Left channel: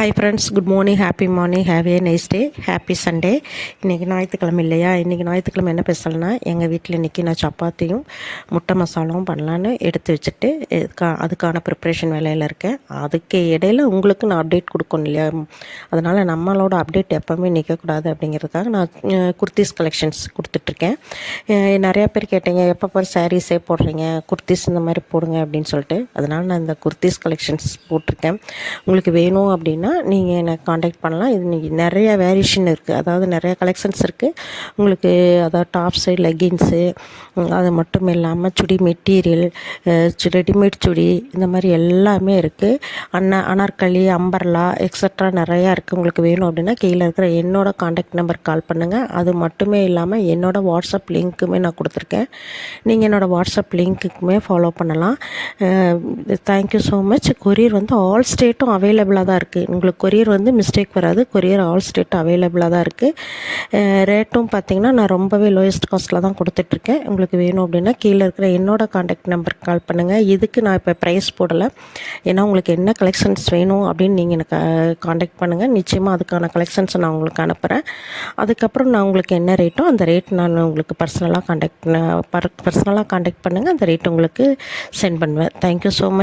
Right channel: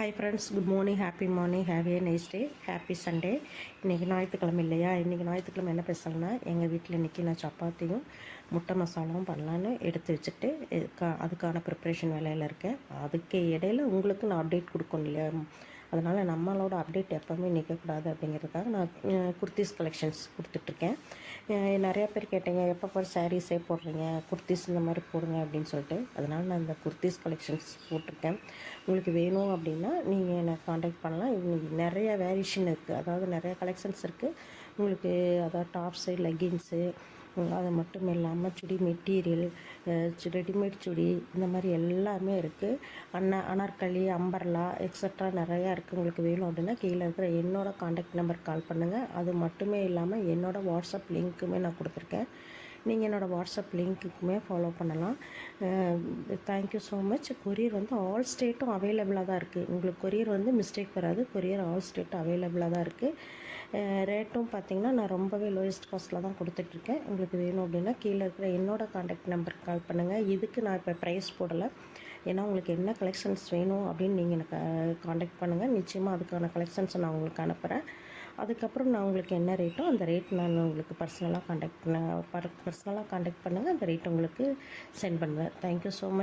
Hi friends, good morning, happy morning, have a nice day, happy Sunday. இன்றைக்கி ஞாயிற்றுக்கிழமை இல்லையா? இன்றைக்கி ஞாயிற்றுக்கிழமை என்ன பேசலைன்னா, எங்கள் வீட்டில் இன்றைக்கி நான் சப்பாத்தியும் முட்டை மசாலாவும் பண்ணலான்னு எடுத்து வச்சுட்டு அதுக்கான ப்ரிப்ரேஷன் வேலையில் இருக்கேன். அதுக்கு இடையில் உங்களுக்கு நான் அப்டேட் கொடுக்கணும் இல்லையா? அதனால் நம்மளோட அப்டேட் எப்போவுமே நிற்கக்கூடாது அப்படிங்கிறதுக்காக நான் குர்த்திஸ் கலெக்ஷன்ஸ் கொடுத்துட்ருக்கேன். நிறையா பேர் கேட்டீங்க, எப்போ பாரு சாரீஸே போடுறீங்க, குர்த்திஸ் இந்த மாதிரி போடுங்க அப்படின்னு சொல்லிட்டு. அதனால் நான் இந்த குர்த்திஸ் கலெக்ஷன்ஸ் போட்டிருக்கேன். உங்களுக்கு வேணும் அப்படின்னா நீங்கள் என்னை காண்டாக்ட் பண்ணலாம். இது இன்றைக்கி நிறையா வேரியேஷன் இருக்குது, அதாவது நிறையா கலெக்ஷன்ஸ் இருக்குது உங்களுக்கு. அதாவது டாப்ஸு, லெகின்ஸு, அது மட்டும் இல்லாமல் சுடி மெட்டீரியல், ரெடிமேட் சுடி, இந்த மாதிரி எல்லாமே இருக்குது. அனார்கலி, அம்பர்லா எக்ஸட்ரா நிறையா இருக்குது. உங்களுக்கு வேணும் அப்படின்னா கீழே இருக்கிற என்னோடய காண்டாக்ட் நம்பர் கால் பண்ணுங்கள். அது மட்டுமே இல்லாமல் என்னோடய வாட்ஸ்அப் லிங்க்குமே நான் கொடுத்துருக்கேன். நீங்கள் என்னோடய வாட்ஸ்அப் லிங்க்குக்குமே ஃபாலோ பண்ணலாம். Thank you so much. கொரியர் வந்து ஆல் ஸ்டேட்டும் அவைலபிளாக தான் இருக்குது. உங்களுக்கு கொரியர் வந்து மிஸ்டேக் வராது. கொரியர் ஆல் ஸ்டேட் அவைலபிளாக தான் இருக்குது. ரேட்டும் பார்த்திங்கன்னா நான் ரொம்பவே லோயஸ்ட் காஸ்ட்டில் தான் கொடுத்துட்ருக்கேன். உங்களுக்கு வேணும் அப்படின்னா கீழே இருக்கிற என்னோடய காண்டாக்ட் நம்பருக்கு கால் பண்ணுங்கள். இதுக்கு நான் இப்போ ப்ரைஸ் போடலை, ஏன்னா உங்களுக்கு என்ன கலெக்ஷன்ஸ் வேணும் அப்படின்னு நீங்கள் எனக்கு காண்டாக்ட் பண்ணுங்கள். நிச்சயமாக அதுக்கான கலெக்ஷன்ஸை நான் உங்களுக்கு அனுப்புகிறேன். அதுக்கப்புறம் நான் உங்களுக்கு என்ன ரேட்டோ அந்த ரேட் நான் உங்களுக்கு பர்சனலாக காண்டாக்ட் பண்ணுங்கள். அந்த ரேட் உங்களுக்கு சென்ட் பண்ணுவேன். Thank you so much.